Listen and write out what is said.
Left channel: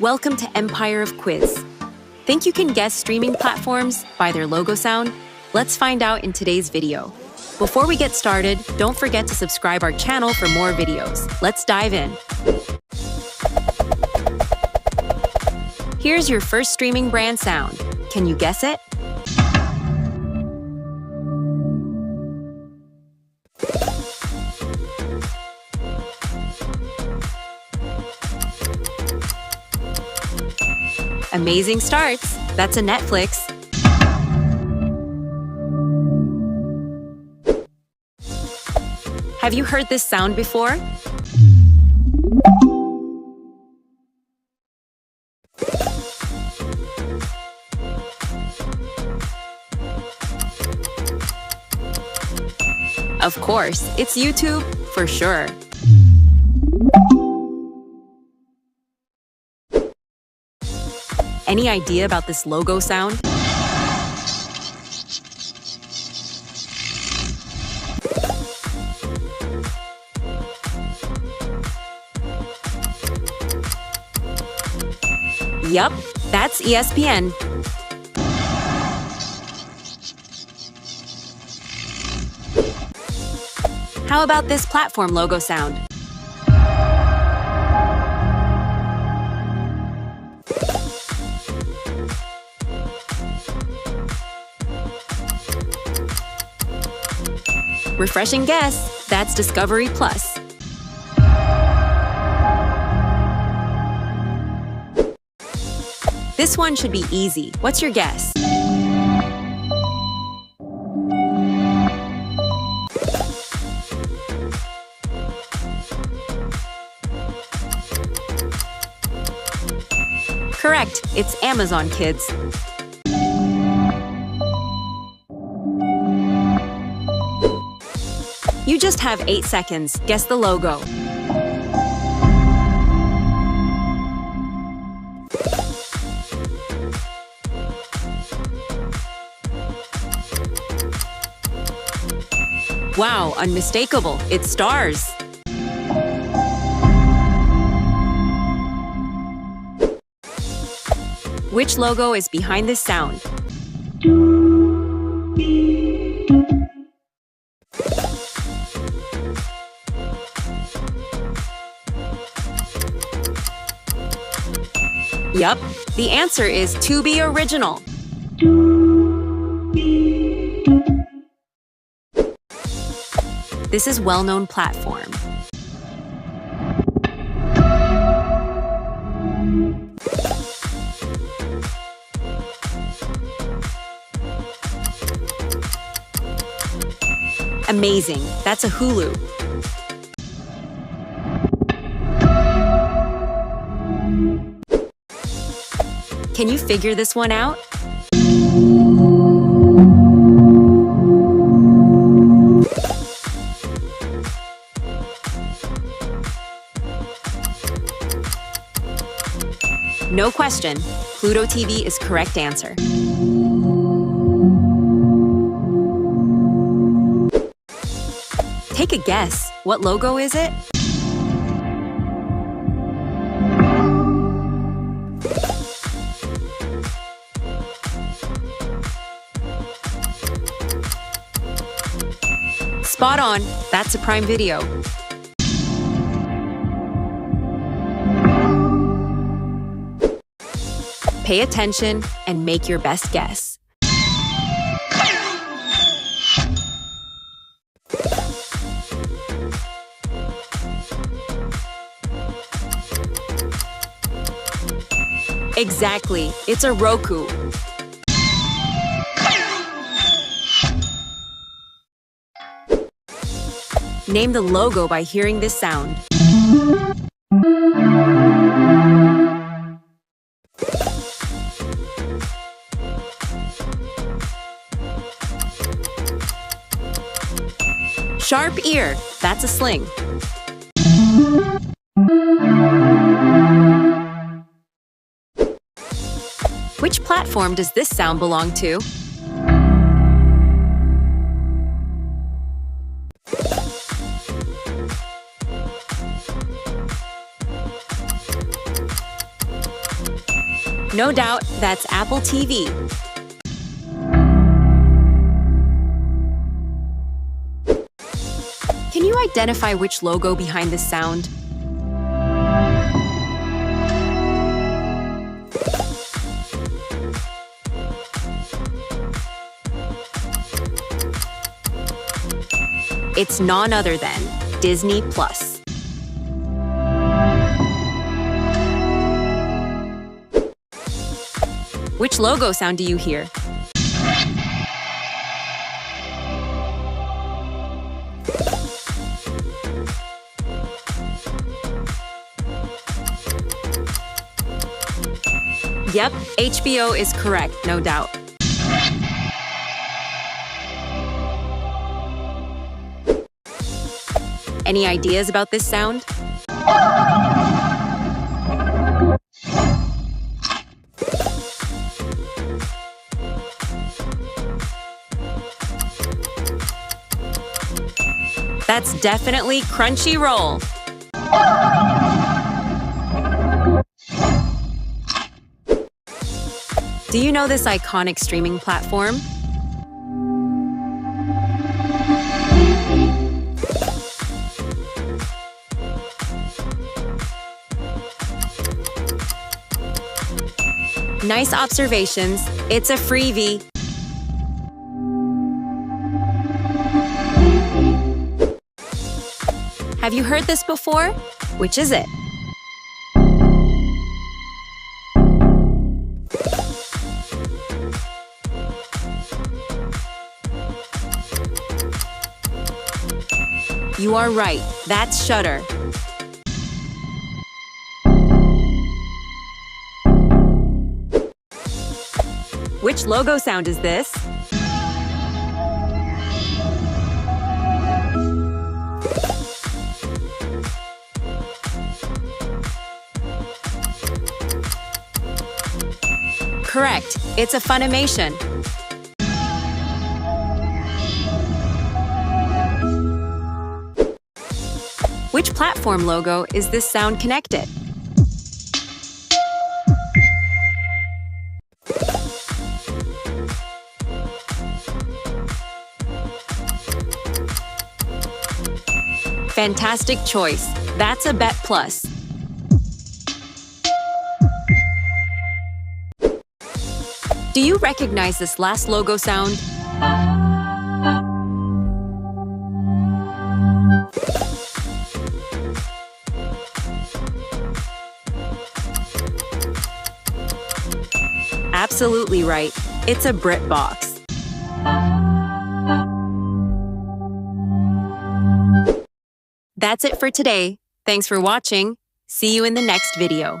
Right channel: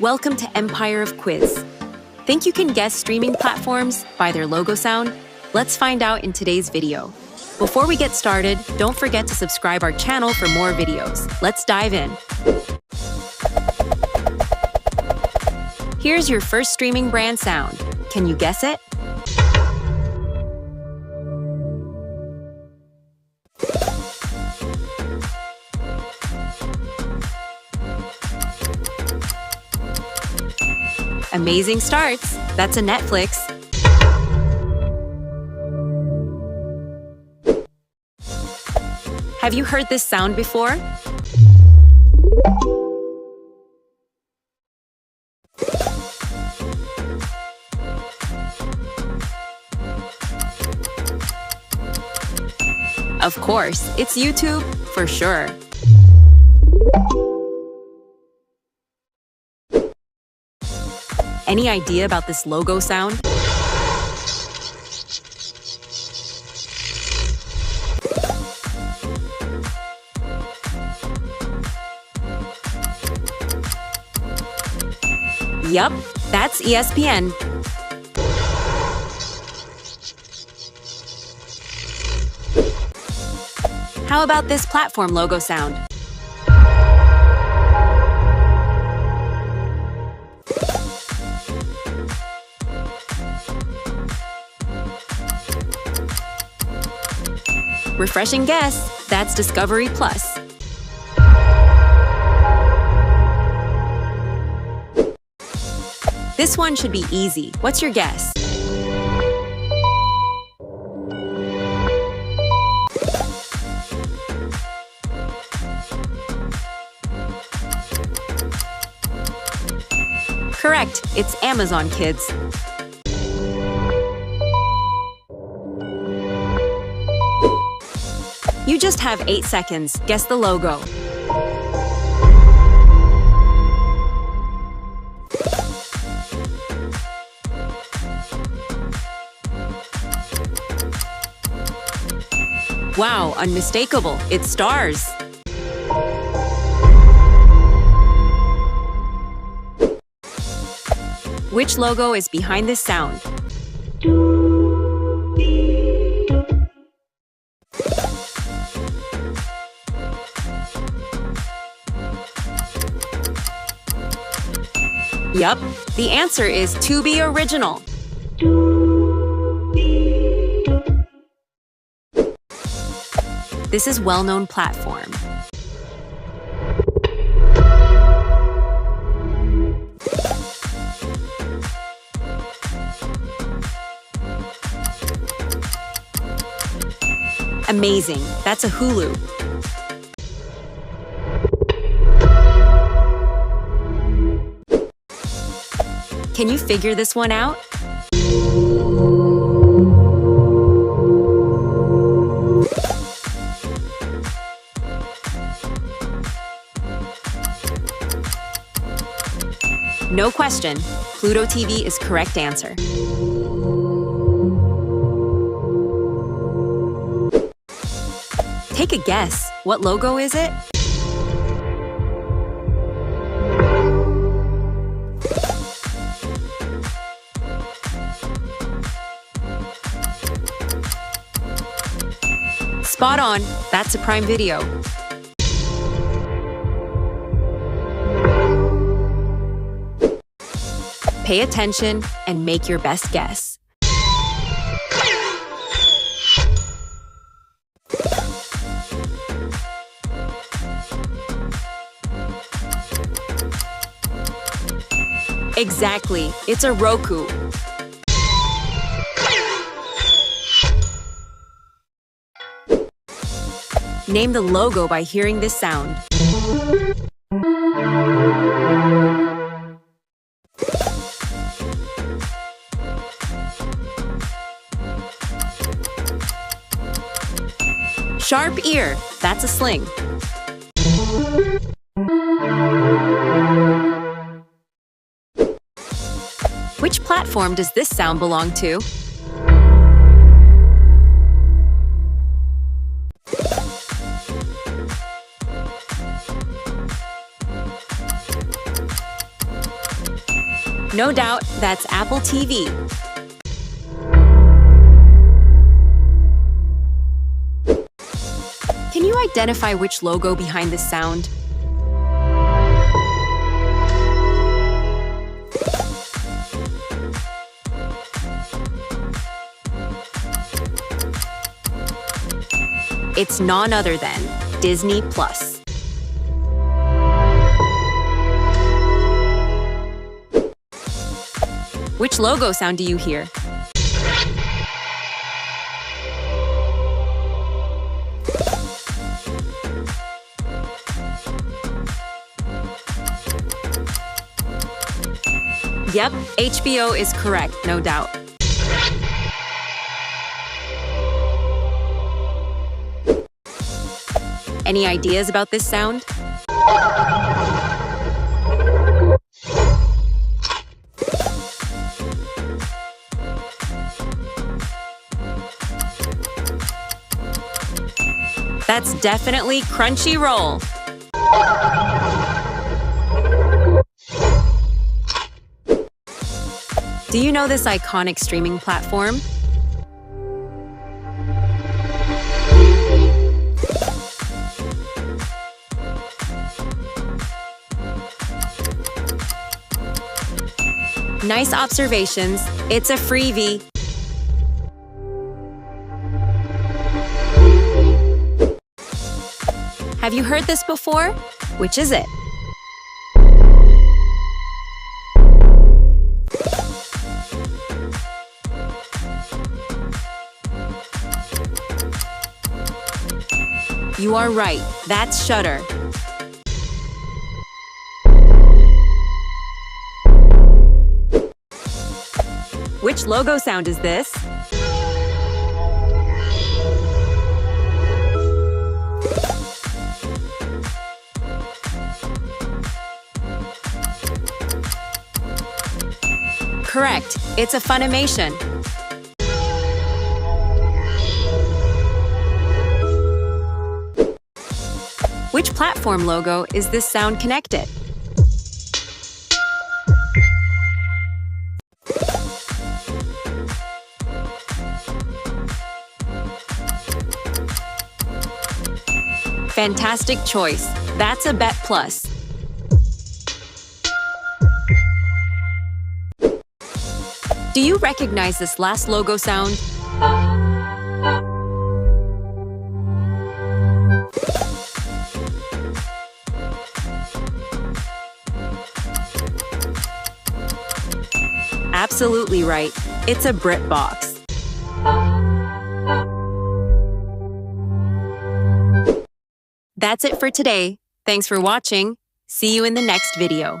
Welcome to Empire of Quiz. Think you can guess streaming platforms by their logo sound? Let's find out in today's video. Before we get started, don't forget to subscribe our channel for more videos. Let's dive in. Here's your first streaming brand sound. Can you guess it? Amazing starts. That's a Netflix. Have you heard this sound before? Of course, it's YouTube, for sure. Any idea about this logo sound? Yup, that's ESPN. How about this platform logo sound? Refreshing guess, that's Discovery Plus. This one should be easy. What's your guess? Correct, it's Amazon Kids. You just have 8 seconds. Guess the logo. Wow, unmistakable. It's Starz. Which logo is behind this sound? Yup, the answer is Tubi Original. This is well-known platform. Amazing, that's a Hulu. Can you figure this one out? No question, Pluto TV is correct answer. Take a guess. What logo is it? Spot on. That's a Prime Video. Pay attention and make your best guess. Exactly. It's a Roku. Name the logo by hearing this sound. Sharp ear, that's a Sling. Which platform does this sound belong to? No doubt, that's Apple TV. Can you identify which logo behind this sound? It's none other than Disney+. Which logo sound do you hear? Yep, HBO is correct, no doubt. Any ideas about this sound? That's definitely Cronchroll. Do you know this iconic streaming platform? Nice observations. It's a Freevee. Have you heard this before? Which is it? You are right. That's Shudder. Which logo sound is this? Correct. It's a Funimation. Which platform logo is this sound connected? Fantastic choice. That's a Bet Plus. Do you recognize this last logo sound? Absolutely right. It's a Brit box. That's it for today. Thanks for watching. See you in the next video.